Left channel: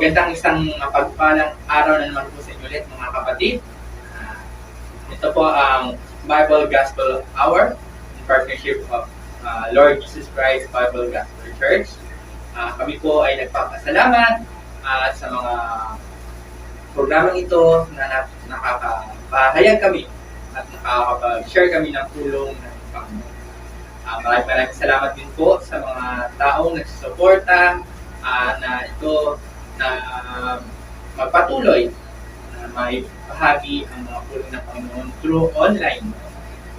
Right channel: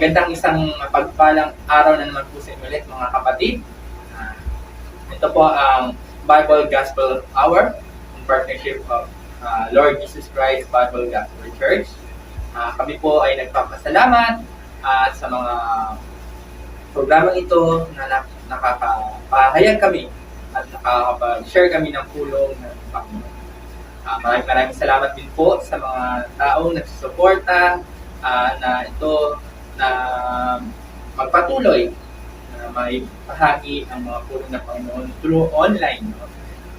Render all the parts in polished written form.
Magandang isang mapagpalang araw na naman po sa inyo ulit mga kapatid. Ah, ito po ang Bible Gospel Hour in partnership of Lord Jesus Christ Bible Gospel Church. Kami po ay nagpapasalamat sa mga programang ito na nakakapahayag kami at nakakapag-share kami ng pulong ng Panginoon. Maraming salamat din po sa mga taong nagsusuporta na ito na magpatuloy na maibahagi ang mga pulong ng Panginoon through online. No?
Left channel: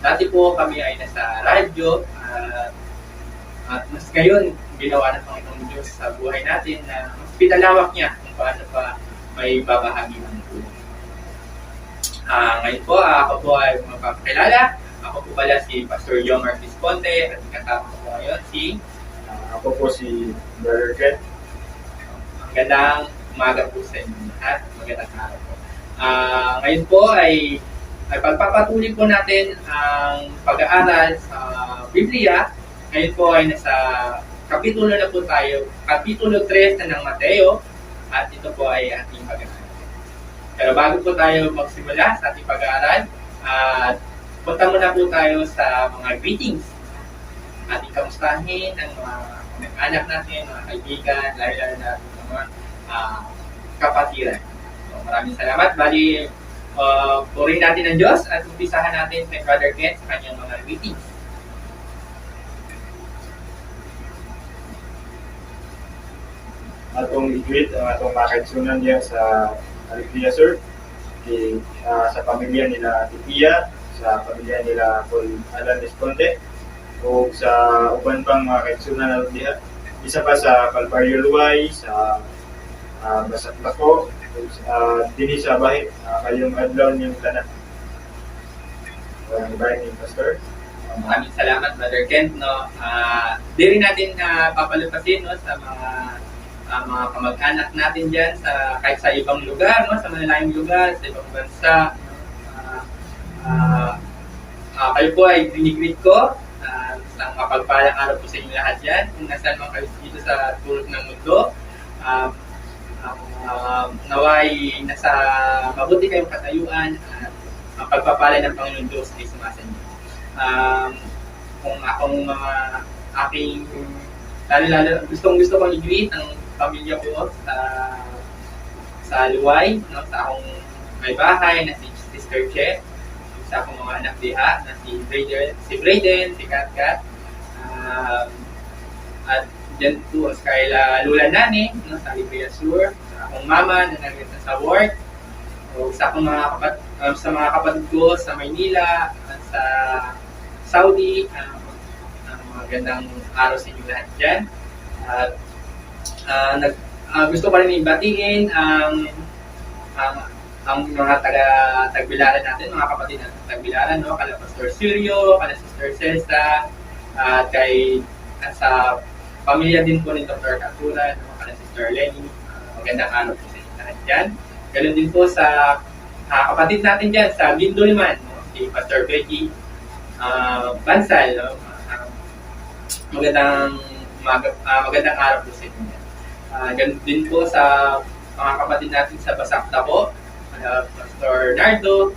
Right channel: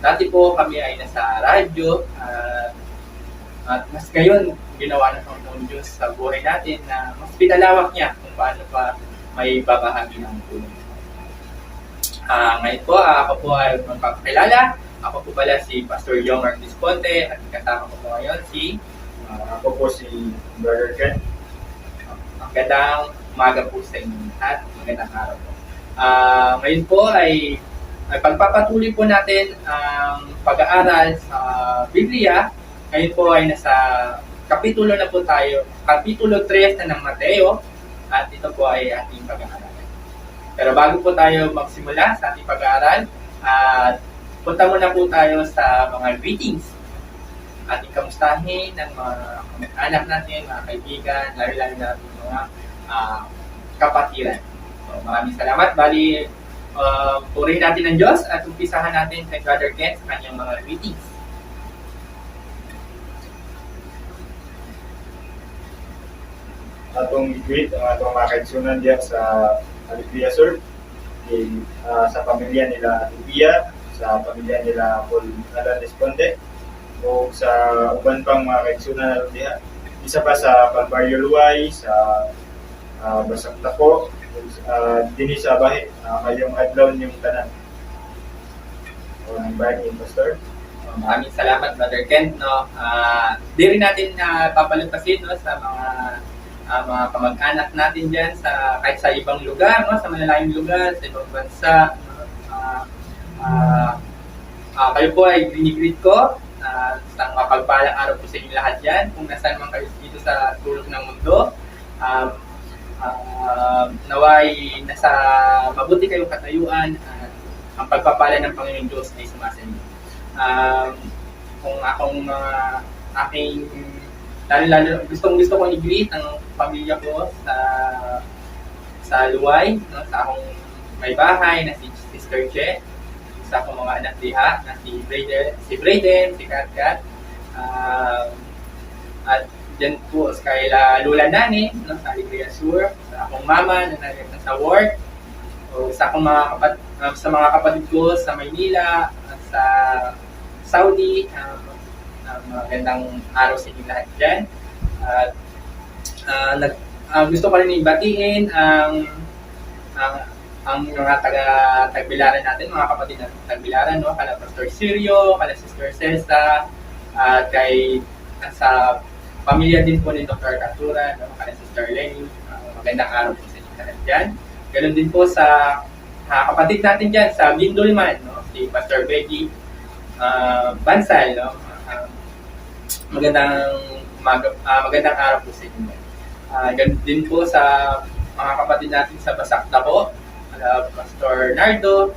Dati po kami ay nasa radyo at mas ngayon ginawa ng Panginoon Diyos sa buhay natin na mas pinalawak niya kung paano pa may babahagi ng pulong. Ngayon po, ako po ay magpapakilala. Ako po pala si Pastor Jomar Visponte at kasama ko po ngayon si Ako po si Brother Ken. Magandang umaga po sa inyo at magandang araw po. Ngayon po ay pagpapatuloy po natin ang pag-aaral sa Biblia. Ngayon po ay nasa kapitulo na po tayo, kapitulo 3 na ng Mateo at ito po ay ating pag-aaral. Pero bago po tayo magsimula sa ating pag-aaral, punta muna po tayo sa mga greetings. Ating kamustahin ang mga anak natin, mga kaibigan, lalo na mga kapatiran. So, maraming salamat. Bali, purihin natin ng Diyos at umpisahan natin kay Brother Ken sa kanyang mga greetings. Atong i-greet ang atong mga kaigsunan diya sa Alegria Sur, sa pamilya nila Ate Pia, sa pamilya nila Paul Alan Visponte, o sa uban pang mga kaigsunan diya. Isa pa sa Calvario Luay, sa Basang Tako, dini sa Bahi, ngayong adlaw niyong tanan. O ang bahay ni Pastor. Maraming salamat, Brother Ken. No? Di rin natin papalutasin no, sa mga kamag-anak natin dyan, kahit sa ibang lugar, no, sa malalayong lugar, sa ibang bansa. Kayo po ay dinigreet ko. Isang mapagpalang araw po sa inyo lahat dyan. Kung nasaan man kayo dito sa tulog ng mundo, naway nasa mabuti kayong katayuan at ang pagpapala ng Panginoon Diyos ay sumasa inyo. Kung akong aking lalo gusto kong i-greet ang pamilya ko sa Luway, no, sa akong may bahay na si Sister Che, sa akong mga anak diha na si Brayden, si Katkat, at dyan po kay Lula Nani, no, sa Alegria Sur, sa akong mama na nasa work, o sa akong sa mga kapatid ko sa Maynila at sa Saudi. Magandang araw sa inyo lahat dyan. Gusto ko rin ibatiin ang mga taga-Tagbilaran natin, mga kapatid na Tagbilaran, no? Kala Pastor Sirio, kala Sister Celsa, at sa pamilya din po ni Dr. Katura, no? Kala Sister Lenny. Magandang araw po sa inyo lahat dyan. Ganun din po sa kapatid natin dyan sa Gindoliman, no? Si Pastor Becky Bansal, no? Magandang araw po sa inyo. Ganun din po sa mga kapatid natin sa Basak Tabo, Pastor Nardo,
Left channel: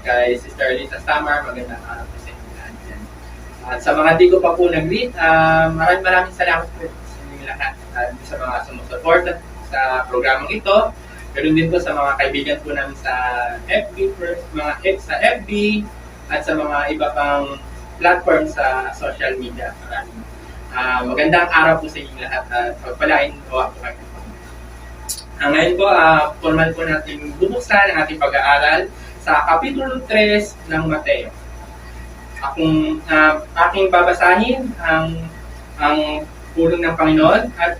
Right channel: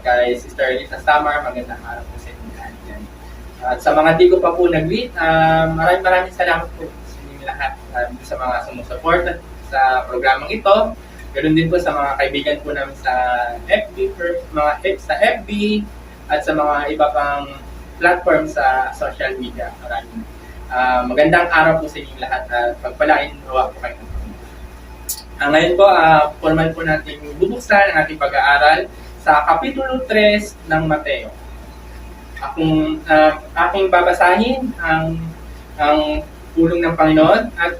kay Sister Lisa Samar, magandang araw po sa inyo lahat. At sa mga di ko pa po nag-greet, maraming salamat po sa inyo lahat sa mga sumusuporta sa programang ito. Ganun din po sa mga kaibigan po namin sa FB, sa FB at sa mga iba pang platform sa social media. Maraming magandang araw po sa inyong lahat at pagpalain gawa po kayo. Ngayon po, formal po natin bubuksan ang ating pag-aaral sa Kapitulo 3 ng Mateo. Aking babasahin ang pulong ng Panginoon at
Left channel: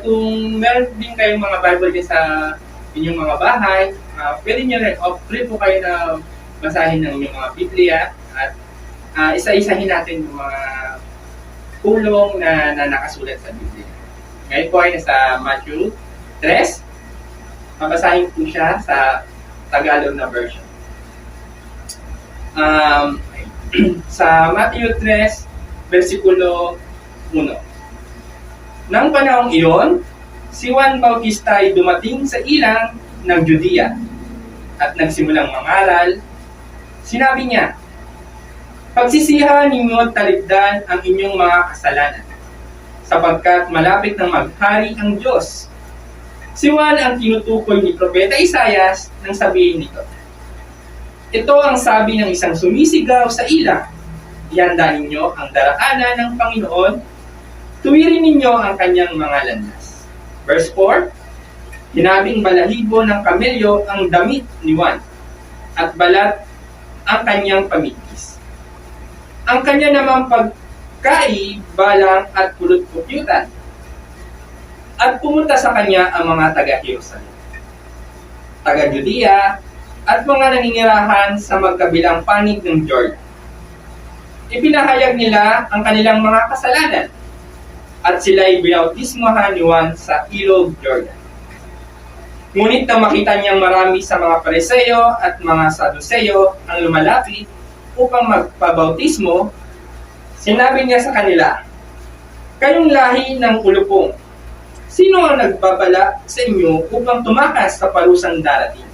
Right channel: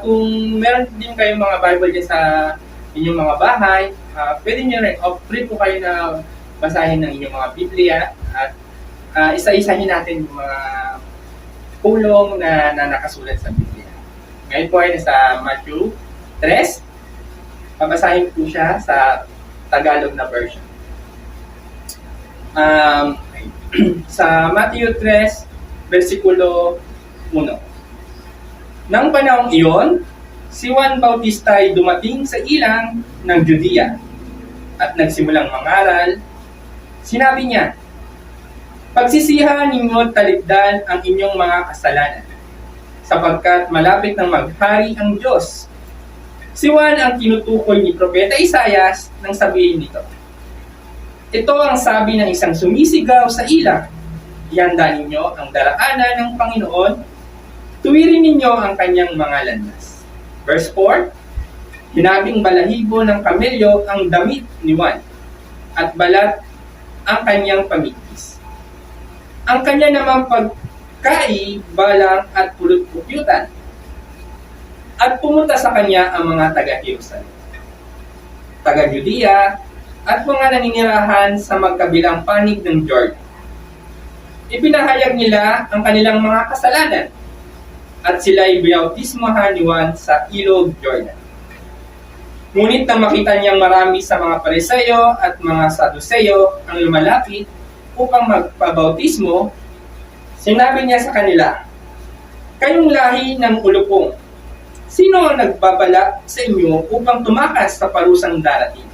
kung meron din kayong mga Bible dyan sa inyong mga bahay, pwede nyo rin, free po kayo na basahin ng inyong mga Biblia at isa-isahin natin yung mga pulong na nakasulat sa Biblia. Ngayon po ay nasa Matthew 3. Pabasahin po siya sa Tagalog na version. Sa Matthew 3, versikulo 1. Nang panahong iyon, si Juan Bautista ay dumating sa ilang ng Judea at nagsimulang mangaral. Sinabi niya, "Pagsisihan ninyo at talikdan ang inyong mga kasalanan, sapagkat malapit nang maghari ang Diyos." Si Juan ang tinutukoy ni Propeta Isaias nang sabihin nito. Ito ang sabi ng isang sumisigaw sa ilang, "Ihanda ninyo ang daraanan ng Panginoon, tuwirin ninyo ang kanyang mga landas." Verse 4, "Hinabing balahibo ng kamelyo ang damit ni Juan, at balat ang kanyang pamitis. Ang kanya namang pagkai, balang at pulot-putyutan. At pumunta sa kanya ang mga taga-Jerusalem, taga-Judea, at mga naninirahan sa magkabilang panig ng Jordan. Ipinahayag nila ang kanilang mga kasalanan, at sila ay binautismohan ni Juan sa ilog Jordan. Ngunit nang makita niyang marami sa mga Pariseo at mga Saduceo ang lumalapit upang magpabautismo, sinabi niya sa kanila, "Kayong lahi ng ulupong, sino ang nagbabala sa inyo upang tumakas sa parusang darating?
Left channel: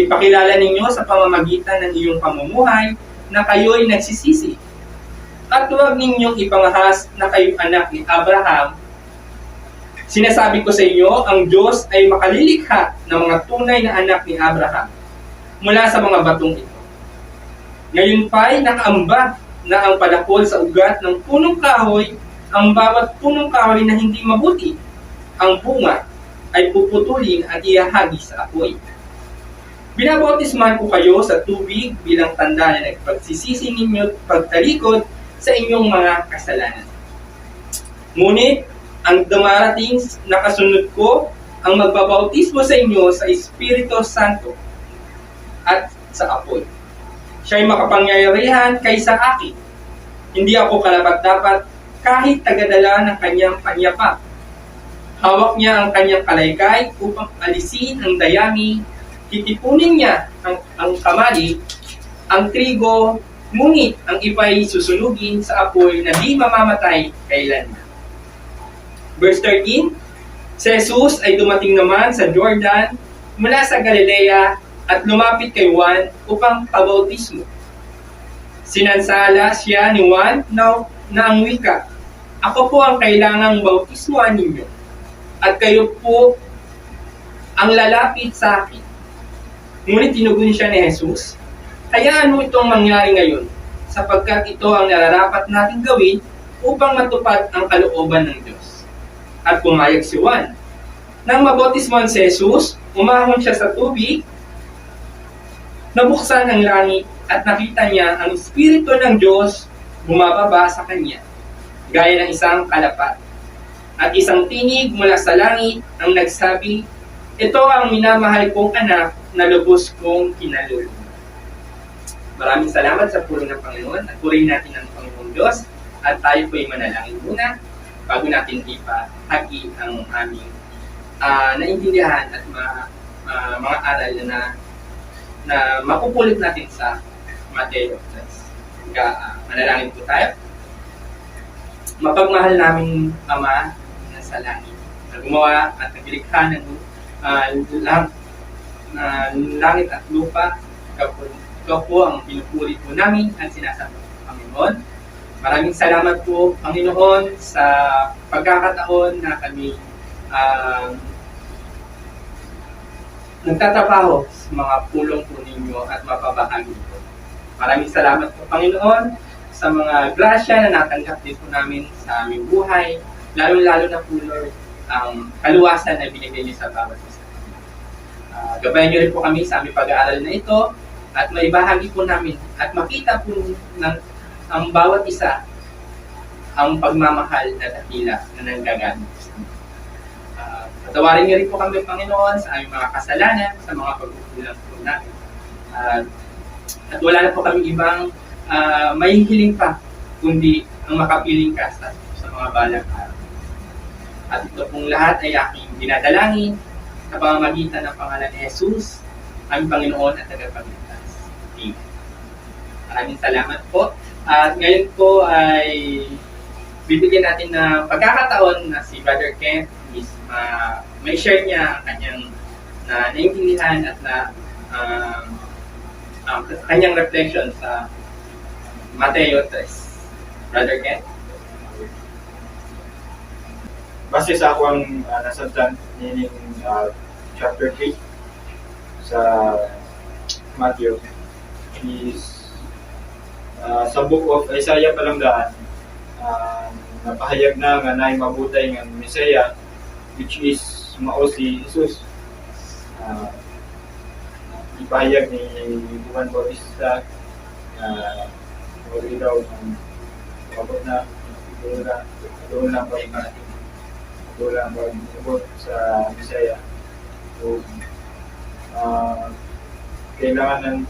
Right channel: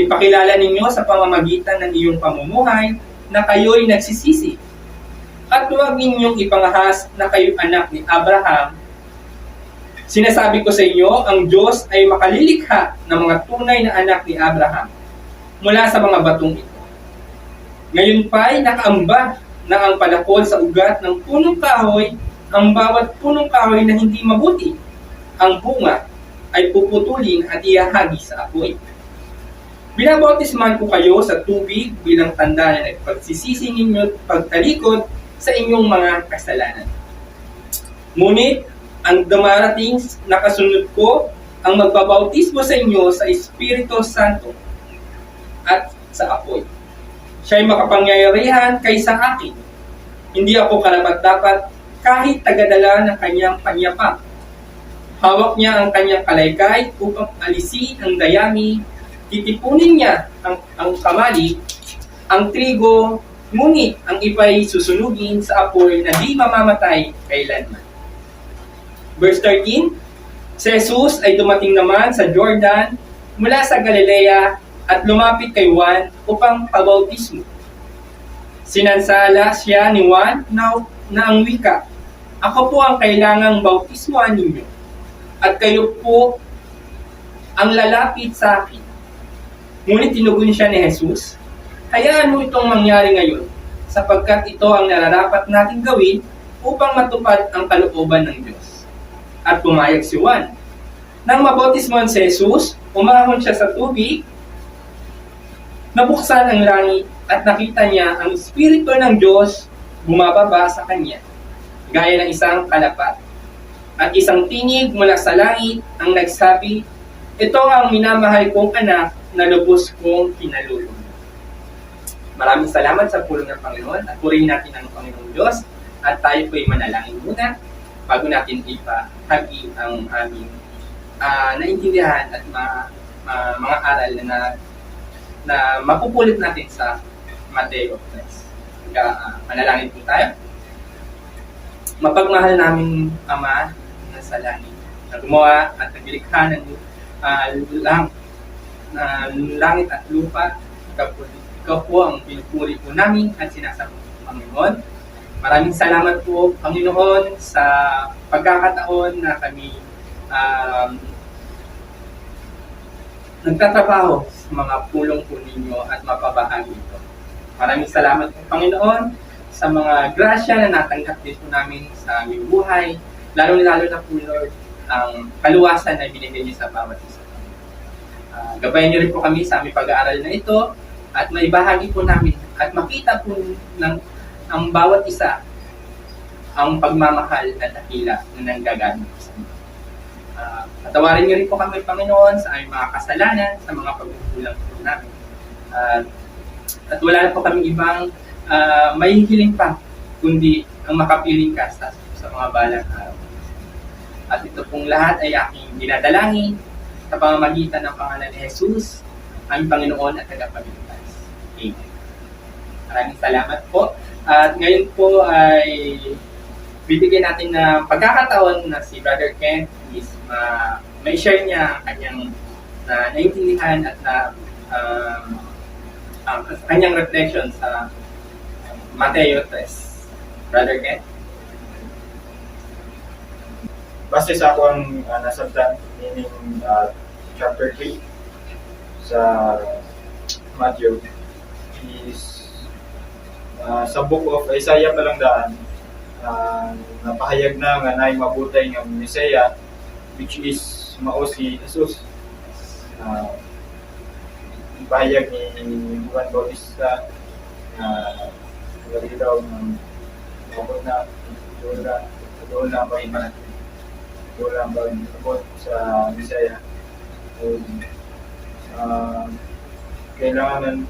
Ipakilala ninyo sa pamamagitan ng iyong pamumuhay na kayo'y nagsisisi. At huwag ninyong ipangahas na kayo'y anak ni Abraham. Sinasabi ko sa inyo, ang Diyos ay makalilikha ng mga tunay na anak ni Abraham mula sa mga batong ito. Ngayon pa'y nakaambag na ang palakol sa ugat ng punong kahoy, ang bawat punong kahoy na hindi mabuti, ang bunga ay puputulin at ihahagi sa apoy. Binabautisman ko kayo sa tubig bilang tanda na nagpagsisisi ninyo at pagtalikod sa inyong mga kasalanan. Ngunit ang dumarating na kasunod ko ang magbabautismo sa inyo sa Espiritu Santo at sa apoy. Siya'y makapangyarihan kaysa akin. Hindi ako karapat-dapat kahit tagadala ng kanyang panyapak. Hawak niya ang kanyang kalaykay upang alisin ang dayami. Titipunin niya ang kamali, ang trigo, ngunit ang ipa'y susunugin sa apoy na di mamamatay kailanman." Verse 13, si Jesus ay dumating naman sa Jordan mula sa Galilea at lumapit kay Juan upang pabautismo. Sinansala siya ni Juan na ang wika, "Ako po ang kailangang bautismoan ninyo, at kayo po ang lalapit sa akin." Ngunit tinugon siya ni Jesus, "Hayaan mo itong mangyari ngayon, sapagkat ito ang nararapat nating gawin upang matupad ang kalooban ng Diyos." At pumayag si Juan. Nang mabautismohan si Jesus, umahon siya sa tubig, nabuksan ang langit at nakita niya ang Espiritu ng Diyos bumababa sa kanya, gaya ng isang kalapat. At isang tinig mula sa langit ang nagsabi, "Ito ang minamahal kong anak na lubos kong kinalulunod." Maraming salamat sa pulong ng Panginoon at purihin natin ang Panginoong Diyos at tayo po'y manalangin muna bago natin ipahagi ang aming naintindihan at mga aral na mapupulit natin sa Mateo 3. Manalangin po tayo. Mapagmahal naming Ama na sa langit, na gumawa at naglikha ng langit at lupa. Ikaw po ang pinupuri po namin at sinasamba po, Panginoon. Maraming salamat po, Panginoon, sa pagkakataon na kami nagtatrabaho sa mga pulong po ninyo at mapabahagi po. Maraming salamat po, Panginoon, sa mga grasya na natanggap din po namin sa aming buhay, lalo-lalo na po, Lord, ang kaluwasan na binigay niyo sa bawat isa. Gabayan niyo rin po kami sa aming pag-aaral na ito at maibahagi po namin at makita po ng ang bawat isa ang pagmamahal at dakila na nanggagamit sa inyo. Patawarin niyo rin po kami, Panginoon, sa aming mga kasalanan, sa mga pagkukulang po namin. At wala na po kami ibang may hiling pa, kundi ang makapiling ka sa mga balang araw. At ito pong lahat ay aking dinadalangin sa pamamagitan ng pangalan ni Jesus, aming Panginoon at Tagapagligtas. Amen. Maraming salamat po. At ngayon po ay bibigyan natin ng pagkakataon na si Brother Ken may share niya ang kanyang na naintindihan at na kanyang reflection sa Mateo 3. Brother Ken? Base sa ako ang nasabtan, meaning chapter 3 sa Matthew is sa book of Isaiah palang daan, napahayag na nga naay mabutay nga Messiah, which is mao si Jesus. Ipahayag ni Juan Bautista na wala daw ng kapot na doon na pag-abot sa Bisaya. So, kailangan ng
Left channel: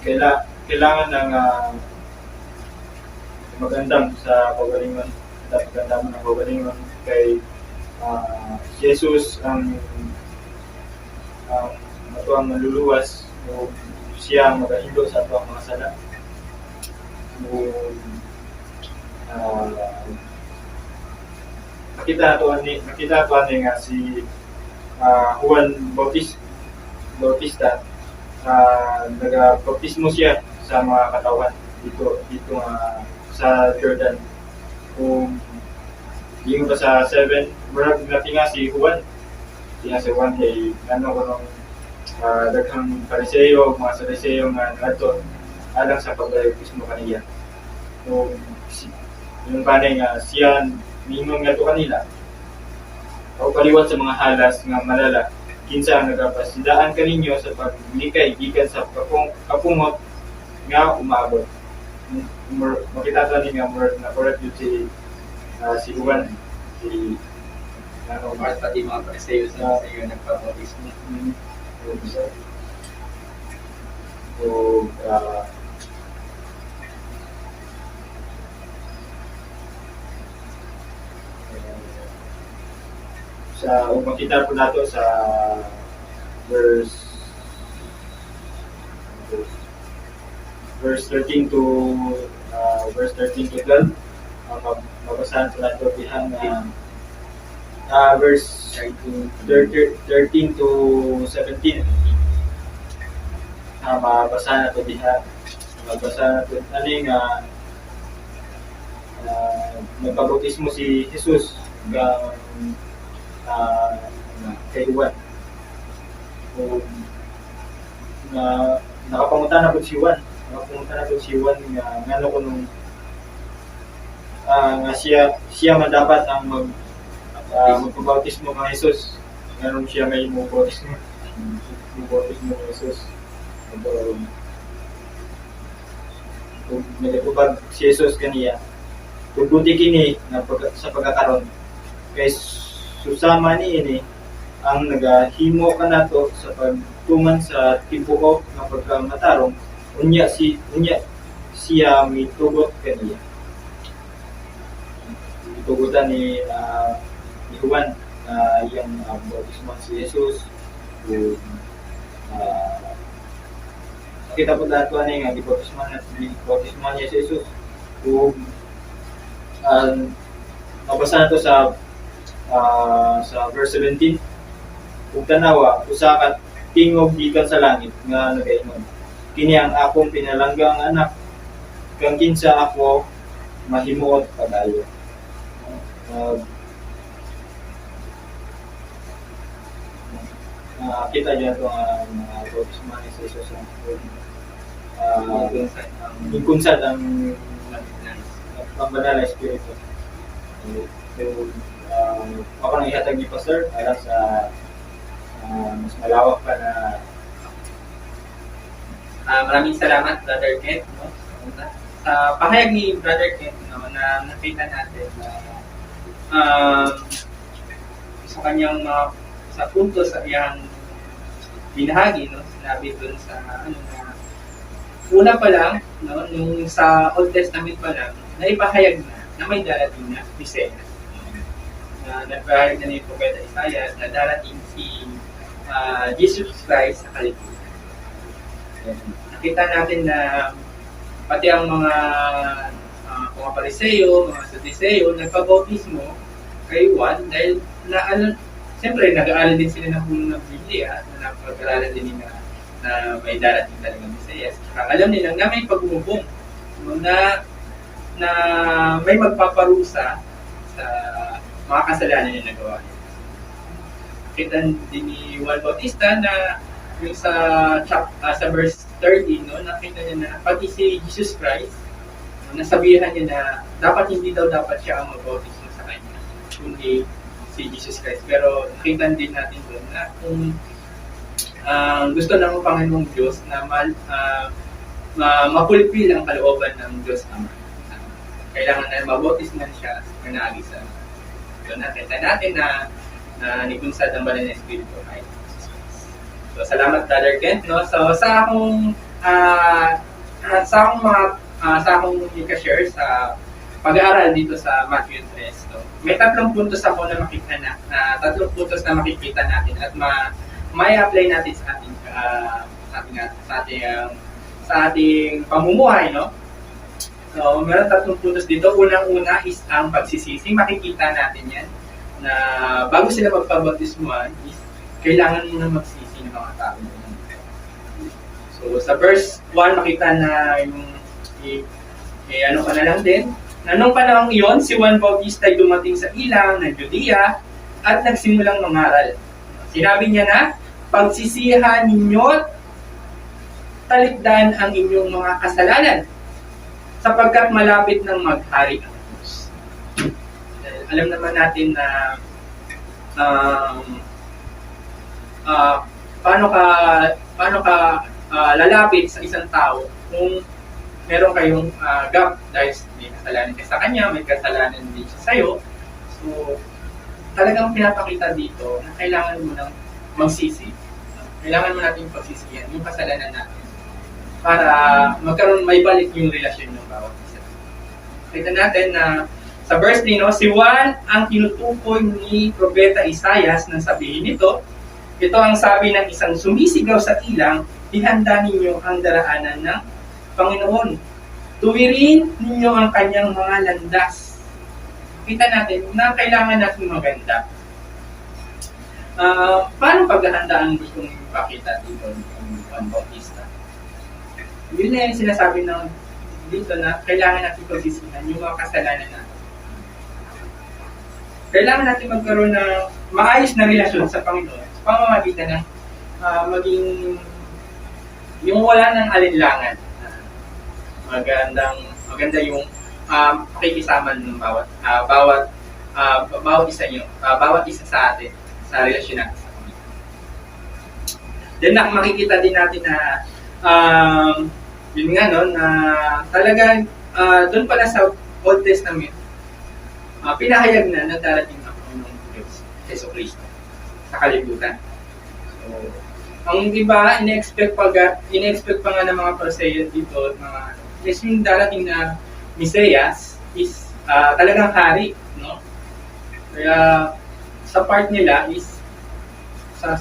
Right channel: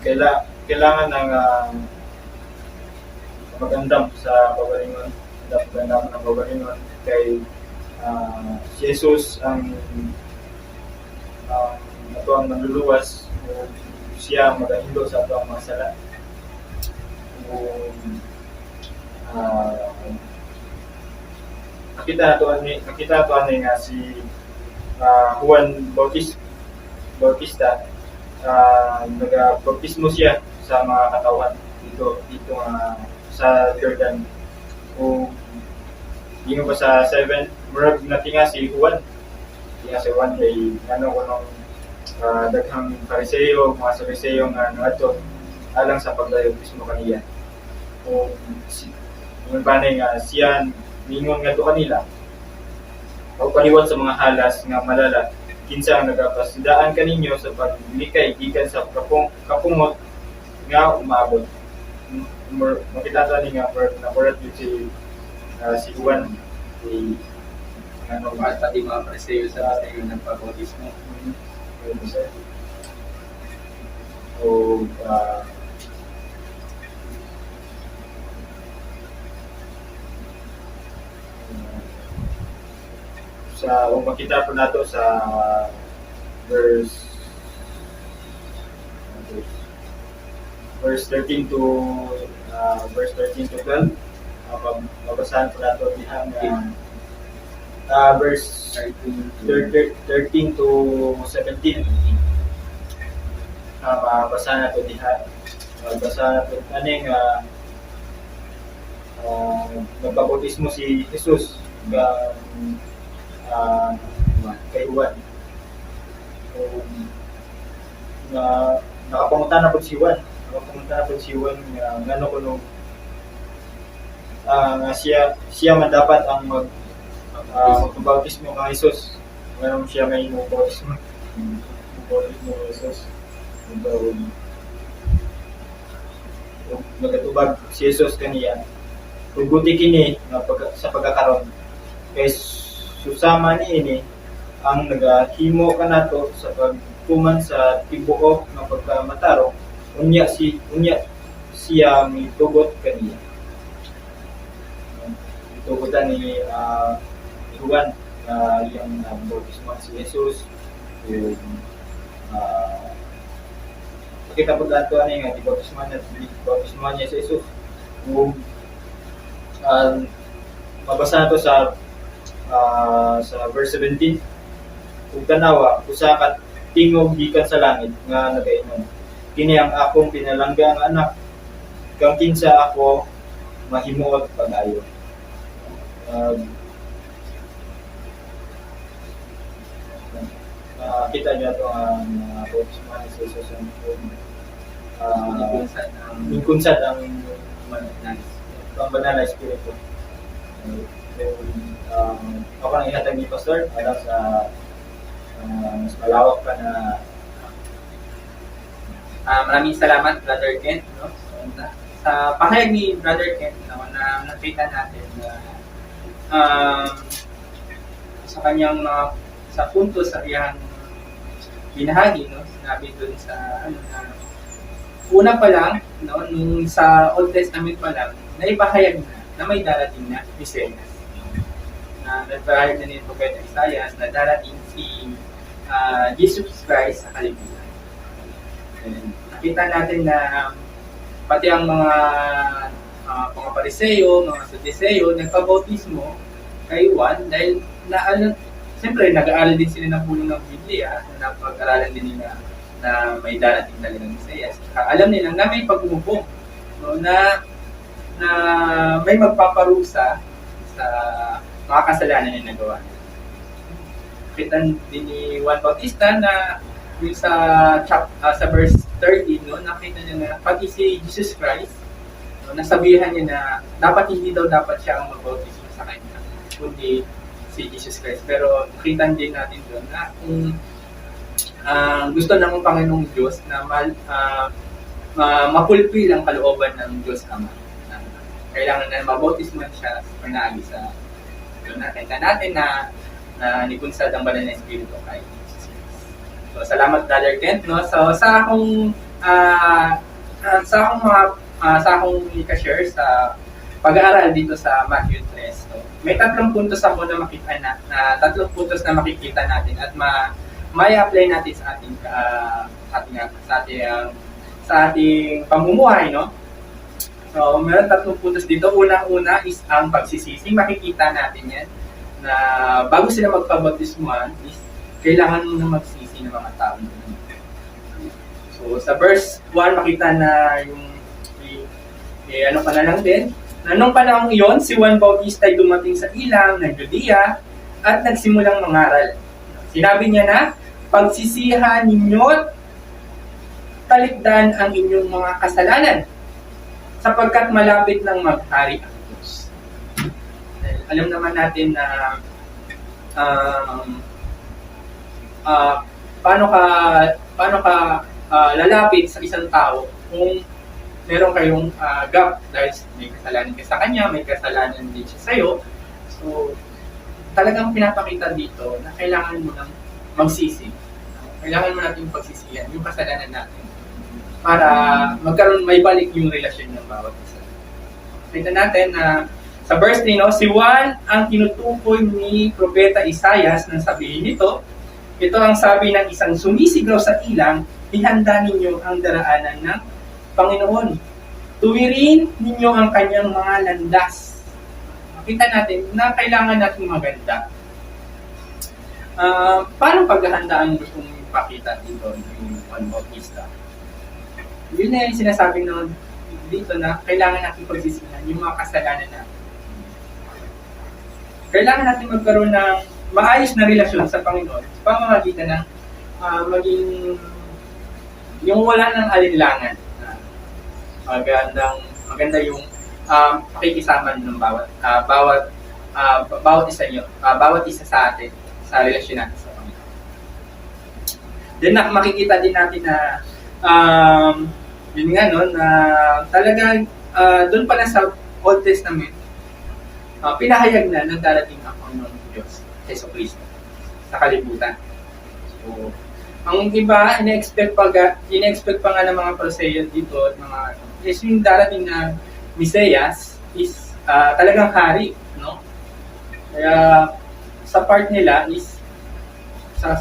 magandam sa pagalingon, magandam ng pagalingon kay si Jesus ang ato ang manluluwas o siya ang magahindo sa ato ang mga sala. Nakita nato ani nga si Juan Bautista nagabautismo siya sa mga katawan dito sa Jordan. Kung di ba sa 7 murag natinga si Juan kay kuno daghang Pariseo, mga Saduceo nga ngadto alang sa pagbautismo kaniya. Kung yung panay nga siya mingon nga to kanila o paliwat sa mga halas nga malala kinsa ang nagapasidaan kaninyo sa paglikay gikan sa kapungot nga umaabot. Makita to ni nga nakurat yun si Juan si pati mga Pariseo sa nagpabautismo. So, makita po nato sa verse 13 to 12, mabasahan po nato diha verse 13 to 17. Mabasahan nato diha. Mabasahan nato ani nga nagpabautismo si Jesus kay Juan. Nakapangutan na po si Juan. Nga ngano kuno nga siya man dapat ang magpabautismo kay Jesus. Ngano siya may bautismo kay Jesus. Nagatubag si Jesus kaniya. Tuguti kini nga sa pagkakaron kay susama niini ang nagahimo kanato sa pagtuman sa tibuok nga pagkamatarong unya siya mitugot kaniya. Tugutan ni Juan na iyang bautismo si Jesus. Kita po lahat ani nga bautismo niya si Jesus. Kung mabasa na to sa verse 17. Ug tanawa usa ka tingog gikan sa langit nga nagaingon, kini ang akong pinalanggang anak, kang kinsa ako mahimuot pag-ayo. Kita dyan ito ang mga bautismo ni Jesus ang mingkunsad ang banal na espiritu. Ako nang ihatag ni Pastor alam sa mas malawak pa na maraming salamat, Brother Kent, no? So, sa pahayag ni Brother Kent, no, na nakita natin na sa kanyang sa punto sa iyang binahagi, no, sinabi dun sa una pa lang, no, nung sa Old Testament pa lang, naipahayag na may darating na Messiah. Nagpahayag na ni Propeta Isaiah na darating si Jesus Christ sa kalibutan. Nakita natin na pati ang mga Pariseo, mga Saduceo, nagpabautismo kay Juan dahil siyempre, nag-aaral din sila ng puno ng Biblia, na napag-aralan din nila na may darating talagang Mesiyas. Saka alam nila na may pag-umubong, no, na may magpaparusa sa mga kasalanan na nagawa niya. Kita din ni Juan Bautista na yung sa verse 13, no, nakita niya na pati si Jesus Christ, no, nasabihan niya na dapat hindi dapat siya ang magbautismo sa kanya, kundi si Jesus Christ. Pero nakita din natin doon na kung gusto ng Panginoong Diyos na mapulpil ang kalooban ng Diyos Ama, kailangan na mabautismuhan siya managi sa doon. Nakita natin na nipunsad ang banal na Espiritu kay Jesus. So, salamat Brother Kent, no? So, sa akong i-share sa pag-aaral dito sa Matthew 3, no? May 3 puntos ako na makita na 3 puntos na makikita natin at may apply natin sa ating pamumuhay, no? So, meron 3 puntos dito. Unang-una is ang pagsisisi. Makikita natin yan na bago sila magpabautismuhan is kailangan mo na magsisi ng mga tao. So, sa verse 1, makita na yung ano ka na lang din. Na nung panahong iyon, si Juan Bautista ay dumating sa ilang ng Judea at nagsimulang mangaral. Sinabi niya na, pagsisihan ninyo, talikdan ang inyong mga kasalanan, sapagkat malapit ng maghari ang Diyos. Alam naman natin na paano ka lalapit sa isang tao kung meron kayong gap dahil may kasalanan ka sa kanya, may kasalanan din siya sa'yo. So, talagang pinapakita dito na kailangan mo nang magsisi. Kailangan mo natin pagsisihan yung kasalanan natin para may balik yung relasyon ng bawat isa. Kita natin na sa verse 3, no, si Juan ang tinutukoy ni Propeta Isaias nang sabihin nito, ito ang sabi ng isang sumisigaw sa ilang, ihanda ninyo ang daraanan ng Panginoon. Tuwirin ninyo ang kanyang mga landas. Makita natin na kailangan natin maganda. Paano paghahanda ang gustong ipakita dito ng Juan Bautista? Yun na yung sinasabi ng dito na kailangan natin pagsisihan yung mga kasalanan natin. Kailangan natin magkaroon ng maayos na relasyon sa Panginoon sa pamamagitan ng maging yung wala ng alinlangan. Maganda yung pakikisama ng bawat isa sa atin sa relasyon natin sa Panginoon. Then makikita din natin na yun nga, no, na talagang doon pala sa Old Testament pinahayag na darating ang Panginoong Diyos, Jesu Cristo, sa kalibutan. So, ang iba, in-expect pa nga ng mga Pariseo dito at mga is yung darating na Mesiyas is talagang hari, no? Kaya sa part nila is sa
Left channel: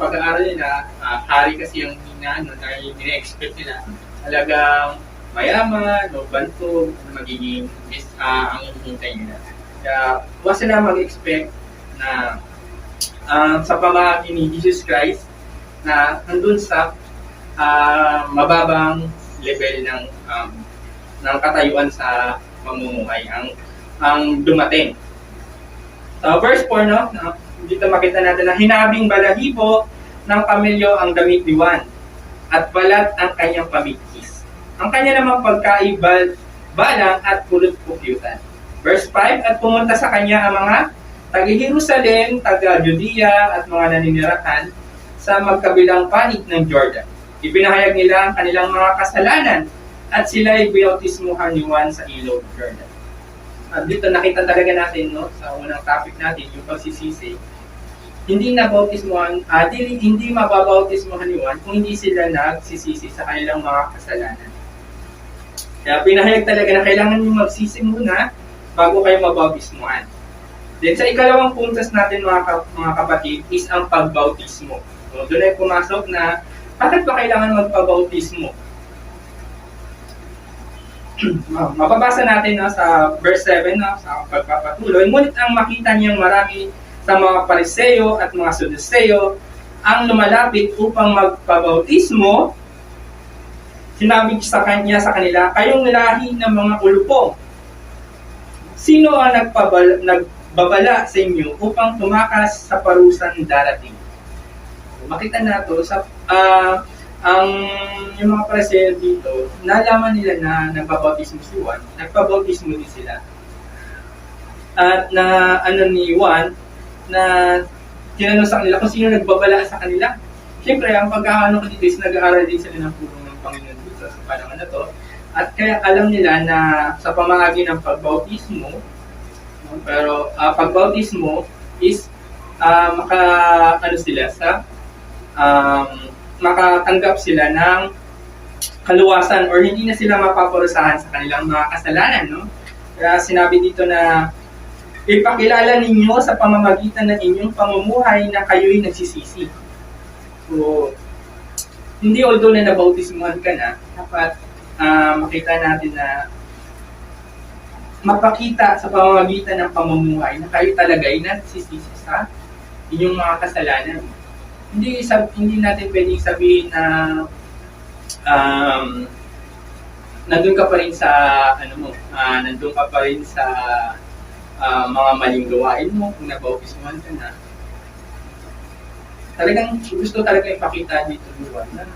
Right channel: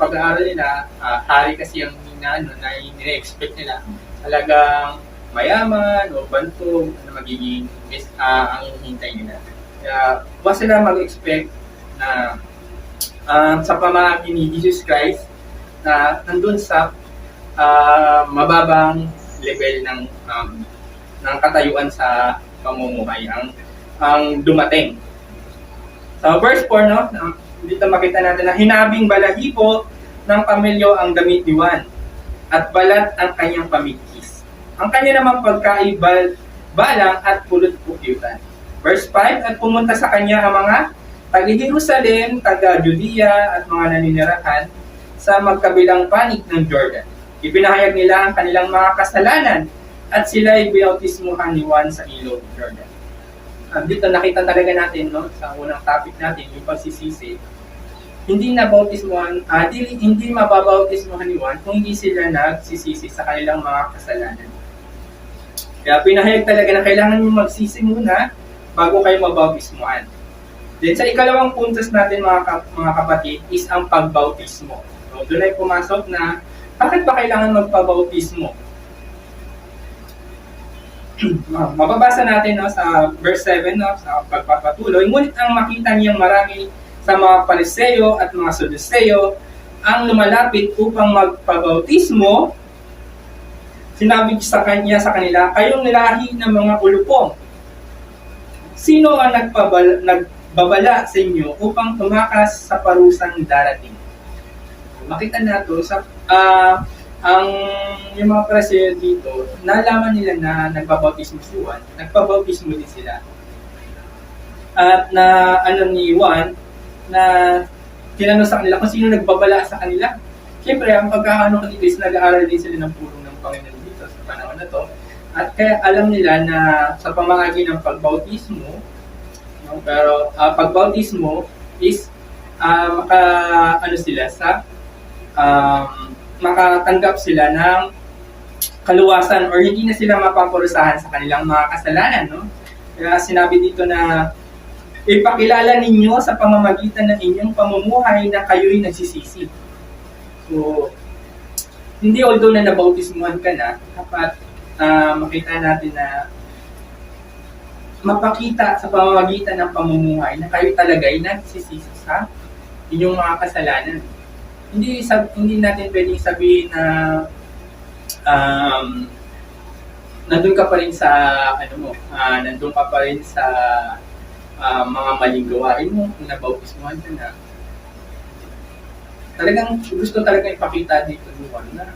pag-aaral nila, hari kasi yung na in-expect nila talagang mayaman o bantog na magiging ang hinihintay nila. Kaya huwag sila mag-expect na sa pamamagitan ni Jesus Christ na nandun sa mababang level ng katayuan sa pamumuhay ang dumating. Sa verse 4, no, dito makita natin na hinabing balahibo ng kamelyo ang gamit ni Juan at balat ang kanyang pamigkis. Ang kanya namang pagkaibal, balang at pulot-pukyutan. Verse 5, at pumunta sa kanya ang mga taga-Jerusalem, taga-Judea at mga naninirahan sa magkabilang panig ng Jordan. Ipinahayag nila ang kanilang mga kasalanan at sila ay binautismuhan ni Juan sa ilog Jordan. Dito nakita talaga natin, no, sa unang topic natin, yung pagsisisi. Hindi mababautismuhan ni Juan kung hindi sila nagsisisi sa kanilang mga kasalanan. Kaya pinahayag talaga na kailangan nyo magsisi muna bago kayo mabautismuhan. Then sa ikalawang puntos natin mga kapatid is ang pagbautismo. So doon ay pumasok na bakit ba kailangan magpabautismo? Mababasa natin, no, sa verse 7, no, sa pagpapatuloy, ngunit ang makita niyang marami sa mga Pariseo at mga Saduceo ang lumalapit upang magpabautismo, sinabi sa kanila, kayong lahi ng mga ulupong, sino ang nagbabala sa inyo upang tumakas sa parusang darating? Makita nato sa yung mga Pariseo dito, nalaman nila na nagbabautismo si Juan, nagpabautismo din sila. At na ni Juan na tinanong sa kanila kung sino nagbabala sa kanila. Siyempre, ang pagkakaano ko dito is nag-aaral din sila ng pulong ng Panginoon dito sa panahon na to. At kaya alam nila na sa pamamagi ng pagbautismo, no, pero pagbautismo is makatanggap sila ng kaluwasan or hindi na sila mapaparusahan sa kanilang mga kasalanan, no? Kaya sinabi dito na ipakilala ninyo sa pamamagitan ng inyong pamumuhay na kayo'y nagsisisi. So, hindi although na nabautismuhan ka na, dapat makita natin na mapakita sa pamamagitan ng pamumuhay na kayo talaga'y nagsisisi sa inyong mga kasalanan. Hindi natin pwedeng sabihin na nandun ka pa rin sa nandun ka pa rin sa mga maling gawain mo kung nabautismuhan ka na. Talagang gusto talaga ipakita dito Juan na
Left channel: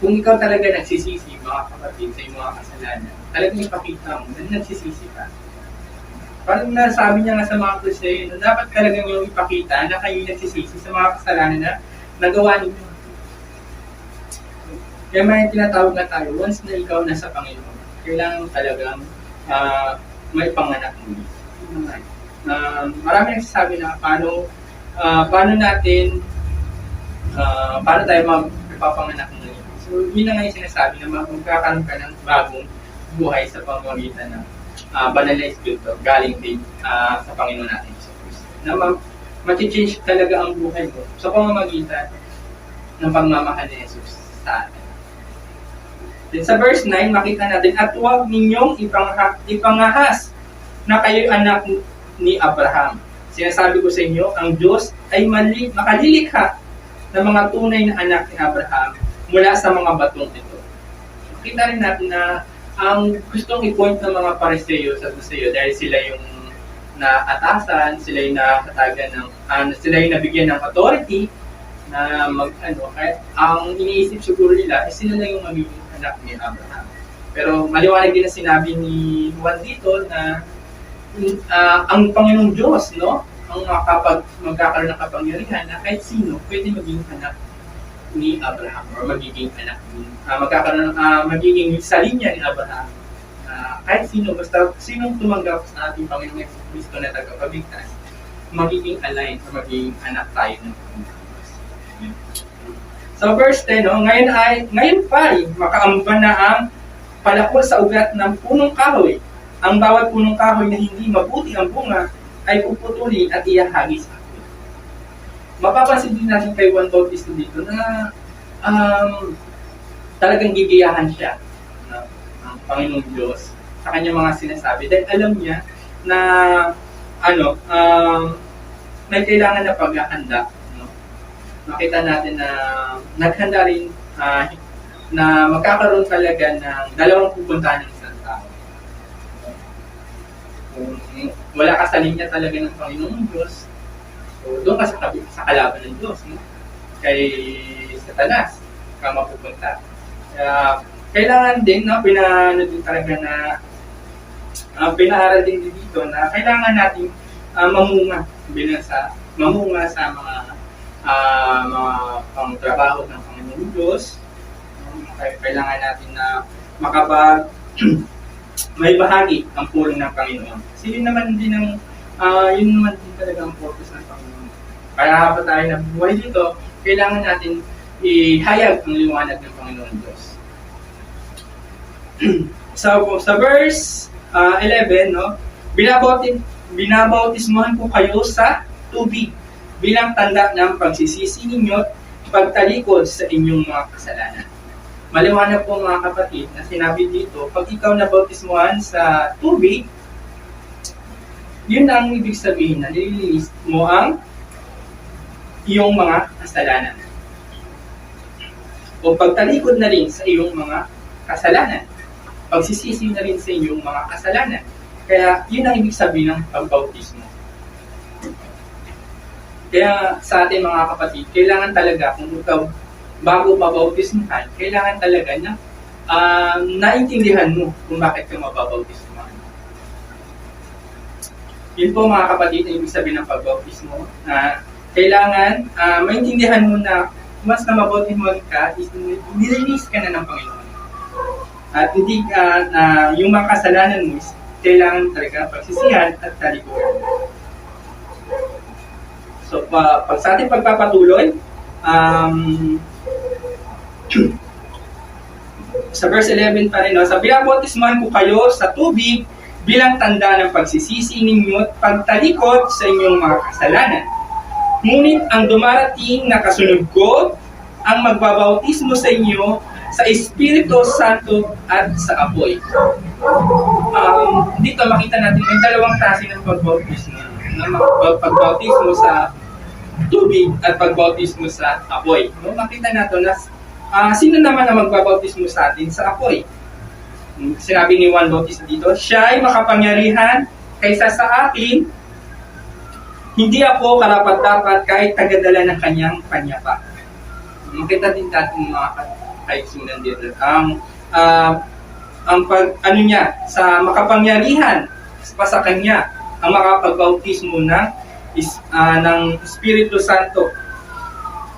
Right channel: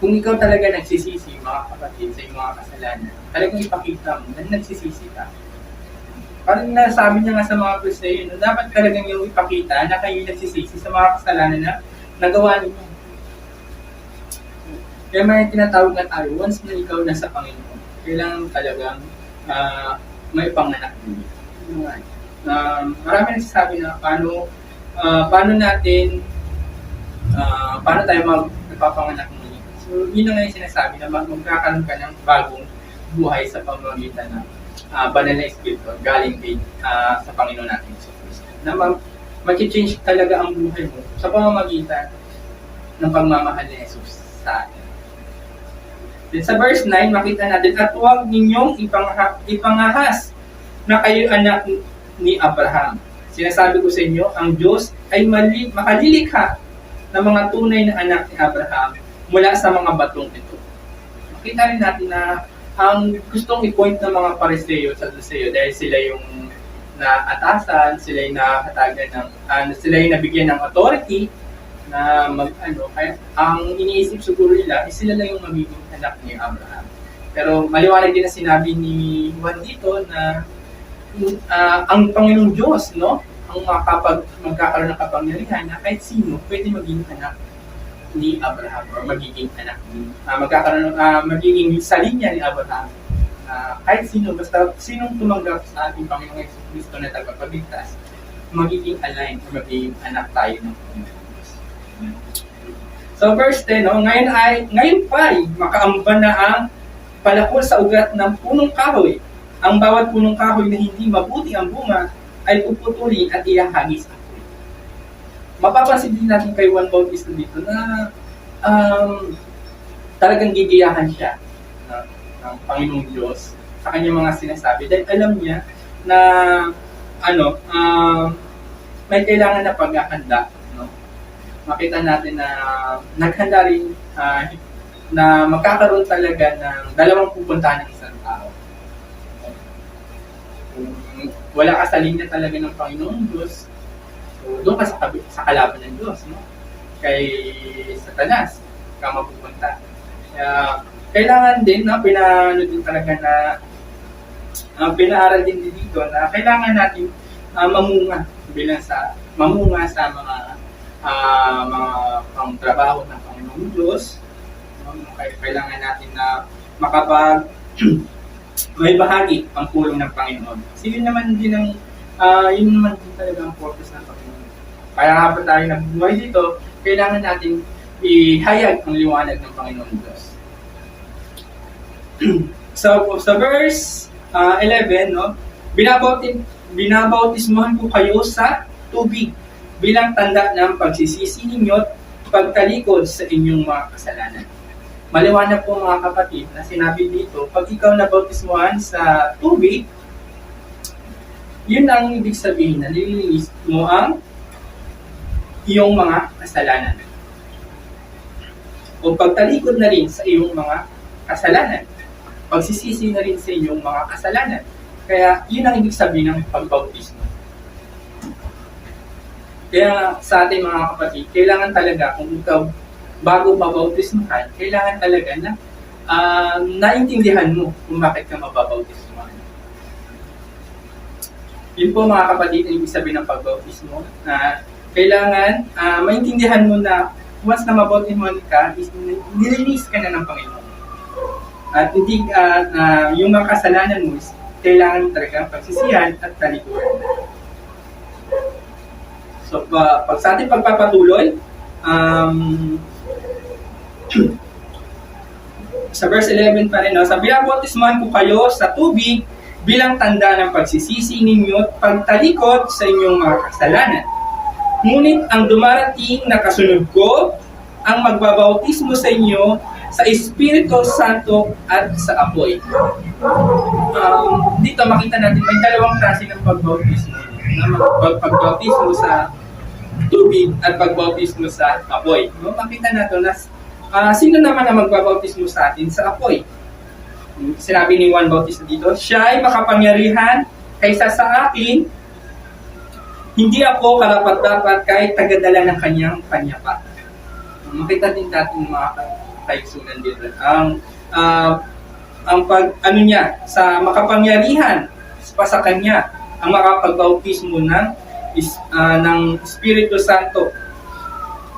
kung ikaw talaga nagsisisi, mga kapatid, sa iyong mga kasalanan, talagang ipakita mo na nagsisisi ka. Parang nasabi niya nga sa mga Pariseo, dapat talagang yung ipakita na kayo nagsisisi sa mga kasalanan na nagawa ninyo. Kaya may tinatawag na tayo, once na ikaw nasa Panginoon, kailangan talagang may panganak mo. Marami nagsasabi na paano tayo magpapanganak muli. So, yun na nga yung sinasabi na magkakaroon ka ng bagong buhay sa pamamagitan ng banal na Espiritu galing din sa Panginoon natin. Na mag-change talaga ang buhay mo sa pamamagitan ng pagmamahal ni Jesus sa atin. Then sa verse 9, makita natin, at huwag ninyong ipangahas na kayo'y anak ni Abraham. Sinasabi ko sa inyo, ang Diyos ay makalilikha ng mga tunay na anak ni Abraham mula sa mga batong ito. Makita rin natin na ang gustong i-point ng mga Pariseo sa Saduceo dahil sila yung naatasan, sila yung nakatagan sila yung nabigyan ng authority na kaya ang iniisip siguro nila ay sila lang yung magiging anak ni Abraham. Pero maliwanag din na sinabi ni Juan dito na ang Panginoong Diyos, no, ang magkakaroon ng kapangyarihan na kahit sino pwede maging anak ni Abraham or magiging anak magiging sa linya ni Abraham. Kahit sino, basta sinong tumanggap sa ating Panginoong Jesucristo na tagapagligtas, magiging aligned or magiging anak tayo ng Panginoon. So verse 10, no, ngayon pa ay makaamban na ang palakol sa ugat ng punong kahoy. Ang bawat punong kahoy na hindi mabuti ang bunga ay puputulin at ihahagis sa apoy. Mapapansin din natin kay Juan Bautista dito na talagang gigiyahan siya ng Panginoong Diyos sa kanyang mga sinasabi dahil alam niya na may kailangan na paghahanda. No? Makita natin na naghanda rin na magkakaroon talaga ng dalawang pupuntahan ng isang tao. Kung wala ka sa linya talaga ng Panginoong Diyos, so doon ka sa kalaban ng Diyos, no? Kay Satanas ka mapupunta. Kaya kailangan din, no, pinaaral din dito na kailangan natin mamunga sa mga pangtrabaho ng Panginoong Diyos. Kailangan natin na may bahagi ang pulong ng Panginoon. Kasi yun naman din talaga ang purpose ng Panginoon. Kaya habang tayo nabubuhay dito, kailangan natin ihayag ang liwanag ng Panginoon Diyos. So, sa verse 11, no, binabautismuhan ko kayo sa tubig bilang tanda ng pagsisisi ninyo at pagtalikod sa inyong mga kasalanan. Maliwanag po mga kapatid na sinabi dito, pag ikaw nabautismuhan sa tubig, yun ang ibig sabihin na nililinis mo ang iyong mga kasalanan. O pagtalikod na rin sa iyong mga kasalanan. Pagsisisi na rin sa iyong mga kasalanan. Kaya yun ang ibig sabihin ng pagbautismo. Kaya sa atin mga kapatid, kailangan talaga kung ikaw bago mabautismuhan, kailangan talaga na naintindihan mo kung bakit ka mababautismuhan. Yun po mga kapatid ang ibig sabihin ng pagbautismo. Kailangan maintindihan mo na once na mabautismuhan ka, nirelease ka na ng Panginoon. At hindi na yung mga kasalanan mo kailangan talaga pagsisihan at talikuran. So, pag sa ating pagpapatuloy, sa verse 11 pa rin, no? Sabi, bautismuhan ko kayo sa tubig bilang tanda ng pagsisisi ninyo at pagtalikod sa inyong mga kasalanan. Ngunit ang dumarating na kasunod ko, ang magbabautismo sa inyo sa Espiritu Santo at sa apoy. Dito makita natin may dalawang klase ng pagbautismo. Pagbautismo sa tubig at pagbautismo sa apoy. No? Makita natin na sino naman ang magbabautismo sa atin sa apoy? Sinabi ni Juan Bautista dito, siya ay makapangyarihan kaysa sa akin, hindi ako karapat-dapat kahit tagadala ng kanyang panyapa. Makita din natin mga kaigsunan dito. Ang sa makapangyarihan pa sa kanya, ang makapagbautismo ng Espiritu Santo.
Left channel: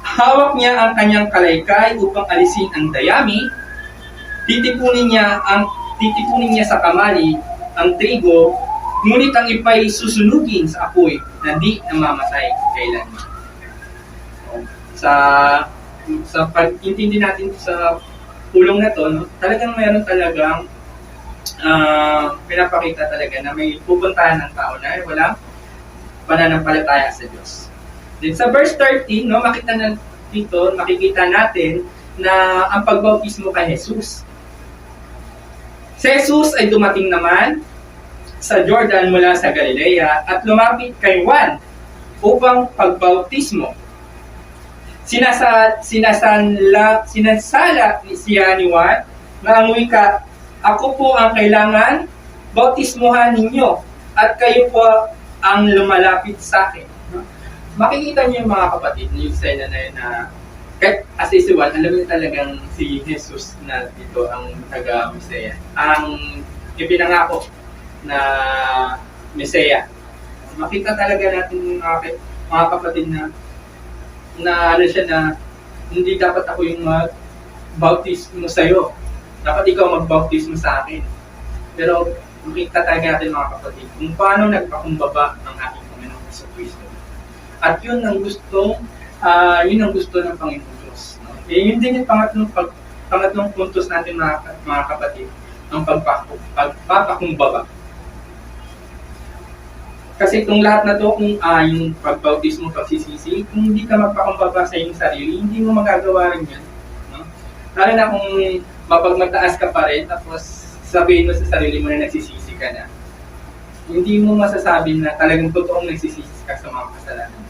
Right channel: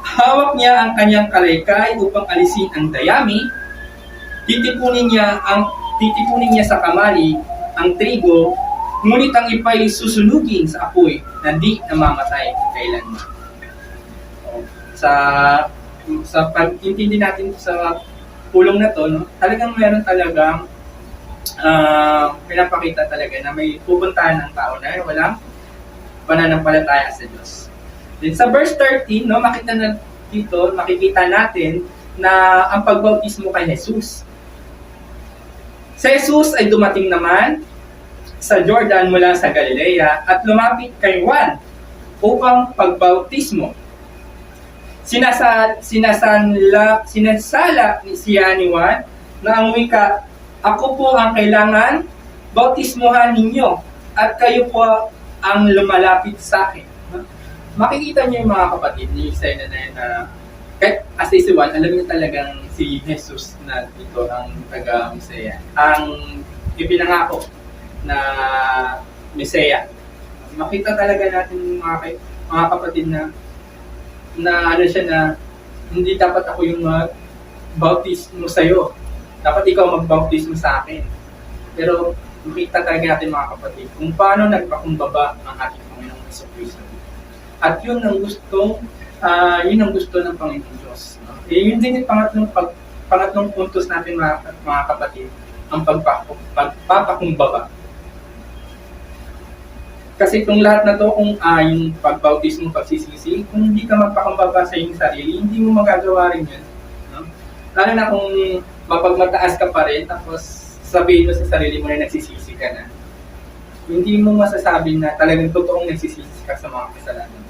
Hawak niya ang kanyang kalaykay upang alisin ang dayami. Titipunin niya sa kamali ang trigo, ngunit ang ipay susunugin sa apoy na di namamatay kailanman. Sa pag-intindi natin sa pulong na to, no, talagang meron talagang pinapakita talaga na may pupuntahan ng tao na walang pananampalataya sa Diyos. Then sa verse 13, no, makikita natin na ang pagbautismo kay Jesus. Si Jesus ay dumating naman sa Jordan mula sa Galilea at lumapit kay Juan upang pagbautismo. Sinasala siya ni Juan na ang wika, ako po ang kailangan bautismuhan ninyo at kayo po ang lumalapit sa akin. Makikita niyo yung mga kapatid, yung sila na yun na kahit as si Juan, alam niyo talagang si Jesus na dito ang taga-Mesaya. Ang ipinangako na Mesaya. Makita talaga natin mga kapatid na ano siya na hindi dapat ako yung bautismo sa'yo. Dapat ikaw magbautismo sa akin. Pero makita talaga natin mga kapatid kung paano nagpakumbaba ang ating Panginoong Jesucristo. At yun ang gusto ng Panginoong Diyos. No? Yun din yung pangatlong puntos natin mga kapatid, ang pagpapakumbaba. Kasi itong lahat na to, kung yung pagbautismo, pagsisisi, kung hindi ka magpakumbaba sa iyong sarili, hindi mo magagawa rin yun. No? Lalo na kung mapagmataas ka pa rin, tapos sabihin mo sa sarili mo na nagsisisi ka na, hindi mo masasabi na talagang totoong nagsisisi ka sa mga kasalanan.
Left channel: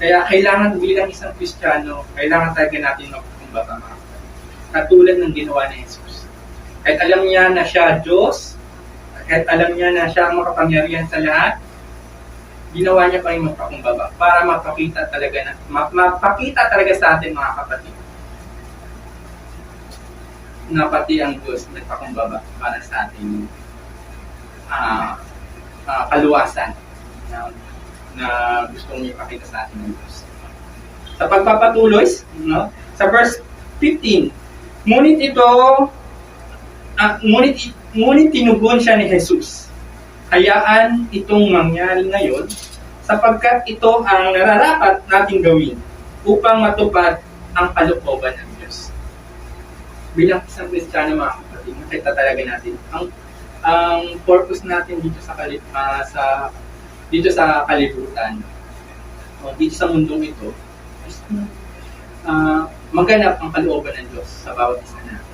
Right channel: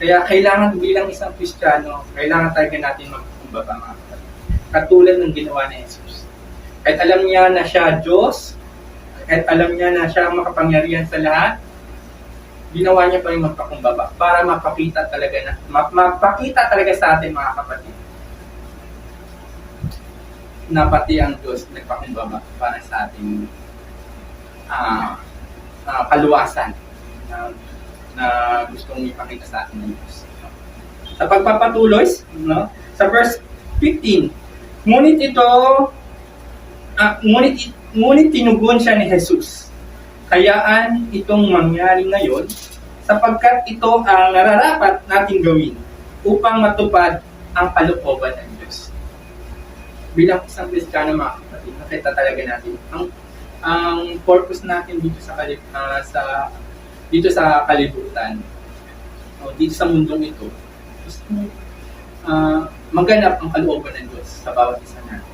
Kaya kailangan bilang isang Kristiyano, kailangan talaga natin magpakumbaba mga kapatid. Katulad ng ginawa ni Jesus. Kahit alam niya na siya Diyos, kahit alam niya na siya ang makapangyarihan sa lahat, ginawa niya pa rin magpakumbaba para mapakita talaga sa atin mga kapatid na pati ang Diyos nagpakumbaba para sa ating kaluwasan na gustong ipakita sa atin ng Diyos. Sa pagpapatuloy, no? Sa verse 15, ngunit tinugon siya ni Jesus. Hayaan itong mangyari ngayon sapagkat ito ang nararapat nating gawin upang matupad ang kalooban ng Diyos. Bilang isang Kristiyano mga kapatid, nakita talaga natin ang purpose natin dito sa kalibutan, dito sa mundong ito, is maganap ang kalooban ng Diyos sa bawat isa natin.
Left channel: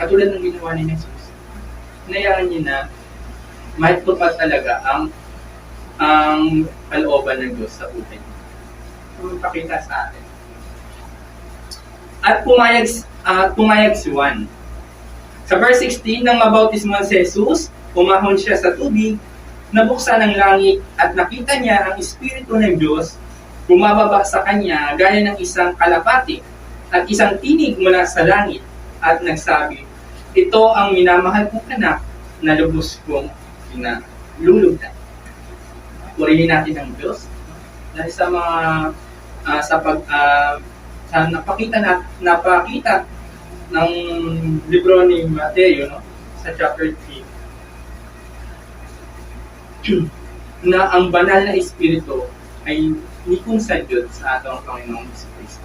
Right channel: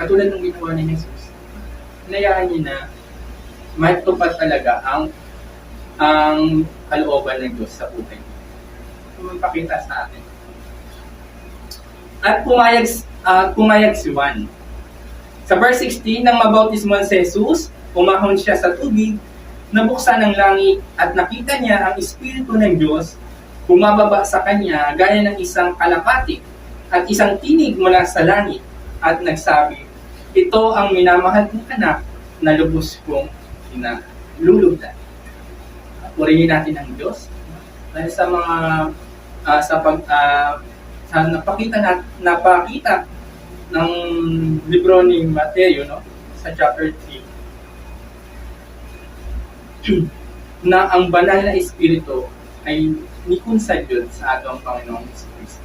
Katulad ng ginawa ni Jesus, hinayaan niya na matupad talaga ang kalooban ng Diyos sa buhay. magpakita sa atin. At pumayag si Juan. Sa verse 16, nang mabautismuhan si Jesus, umahon siya sa tubig, nabuksan ang langit at nakita niya ang Espiritu ng Diyos bumababa sa kanya gaya ng isang kalapati at isang tinig mula sa langit at nagsabi, ito ang minamahal kong anak na lubos kong pinalulugdan. Purihin natin ang Diyos dahil sa mga sa napakita ng libro ni Mateo, no, sa chapter 3 na ang banal na espiritu ay nikon sa Diyos sa atong Panginoong Kristo.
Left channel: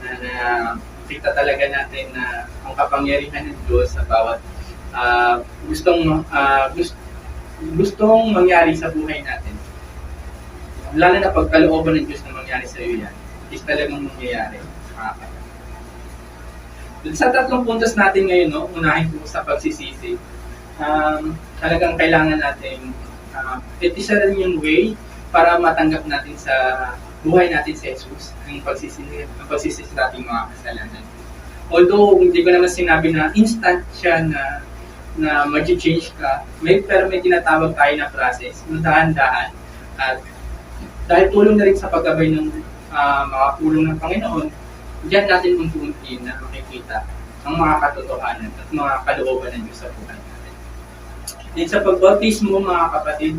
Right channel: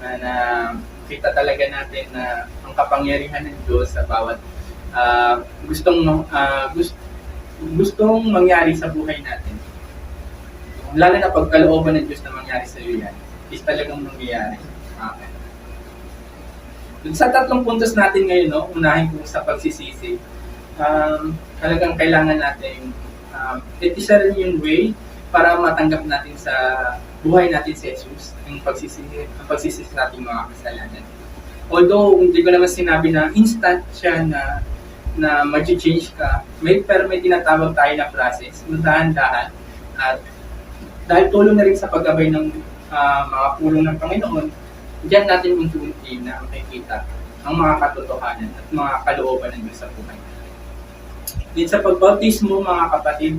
Na kita talaga natin na ang kapangyarihan ng Diyos sa bawat gustong mangyari sa buhay natin. Lalo na pagkalooban ng Diyos na mangyari sa iyo yan, is talagang mangyayari. Dun sa tatlong puntos natin ngayon, no, unahin ko sa pagsisisi. Talagang kailangan natin ito isa rin yung way para matanggap natin sa buhay natin si Jesus ang pagsisisi sa ating mga kasalanan. Although hindi ko naman sinabi na instant siya na mag-change ka, pero may tinatawag tayo na process, dahan-dahan, at dahil tulong na rin sa paggabay ng mga pulong ng Panginoon, diyan natin unti-unti na makikita ang mga katotohanan at mga kalooban ng Diyos sa buhay natin. Din sa pagbautismo, mga kapatid,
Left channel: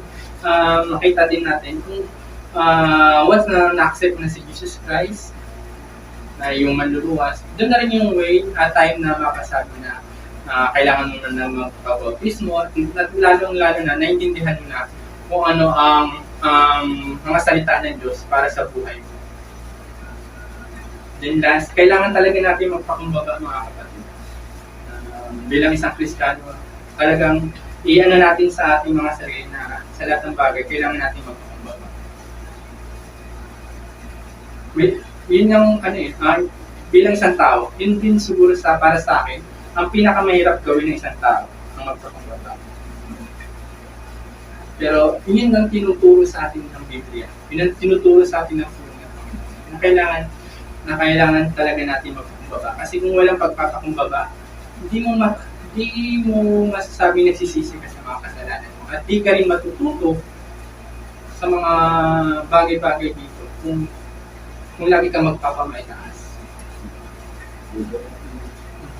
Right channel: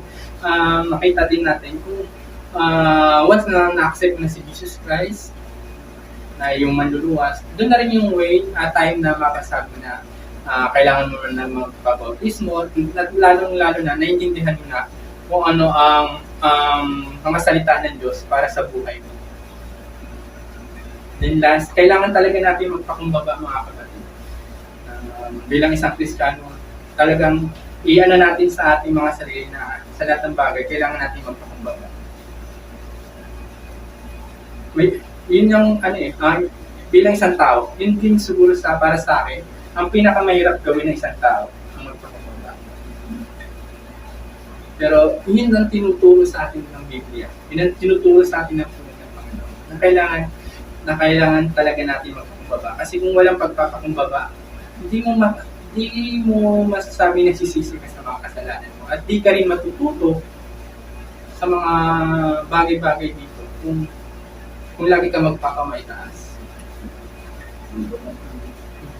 makita din natin kung once na na-accept na si Jesus Christ, na yung manluluwas, doon na rin yung way, time na mapasabi na kailangan mo na magpabautismo at lalong-lalo na naiintindihan mo na kung ano ang mga salita ng Diyos para sa buhay mo. Then last, kailangan talaga natin magpakumbaba, mga kapatid. Bilang isang Kristiyano, talagang iano natin sa ating mga sarili na sa lahat ng bagay, kailangan natin magpakumbaba. Yun yung bilang isang tao, yun din siguro para sa akin, ang pinakamahirap gawin ng isang tao, ang magpakumbaba. Pero yun ang tinuturo sa atin ng Biblia. Yun ang tinuturo sa atin ng pulong ng Panginoon. Na kailangan talaga natin magpakumbaba. Kasi kung walang pagpapakumbaba, hindi mo masasabi nagsisisi ka sa mga kasalanan mo. At di ka rin matututo sa mga bagay-bagay dito kung lagi ka magpapamaitaas.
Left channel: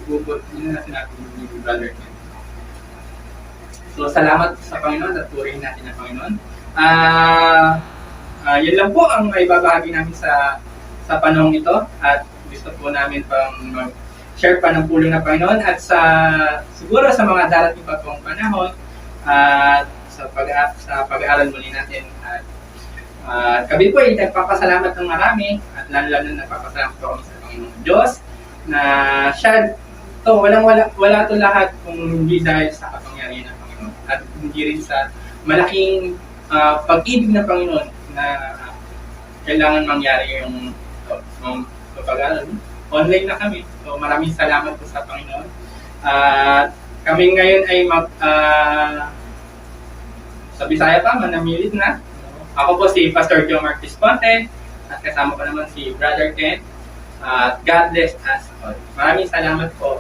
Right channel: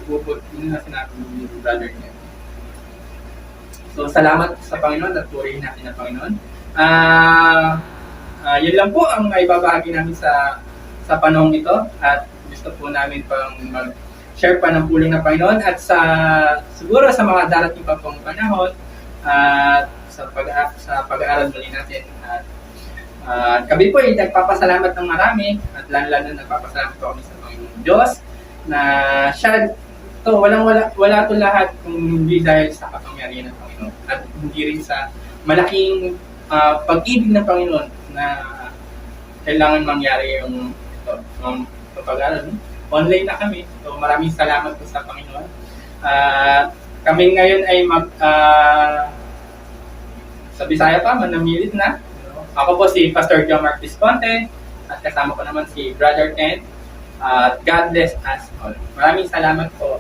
Bubot, yun na sinabi ni Brother Ken. So, salamat sa Panginoon at purihin natin ang Panginoon. Yun lang po ang maibabahagi namin sa panahong ito at gusto po namin pang mag-share pa ng pulong ng Panginoon at siguro sa mga darating pa pong panahon at sa pag-aaral muli natin. At kami po ay nagpapasalamat ng marami at lalo-lalo nagpapasalamat po kami sa Panginoong Diyos na siya to wala to lahat kung hindi dahil sa kapangyarihan ng Panginoon at hindi rin sa malaking pag-ibig ng Panginoon na kailangan mangyari yung pag-aaral. Online na kami. So maraming salamat po sa Panginoon. Kami ngayon ay sa Bisaya pa, manamilit na. Ako po si Pastor John Mark Visconte at kasama ko naman si Brother Ken. God bless us all. Maraming salamat po.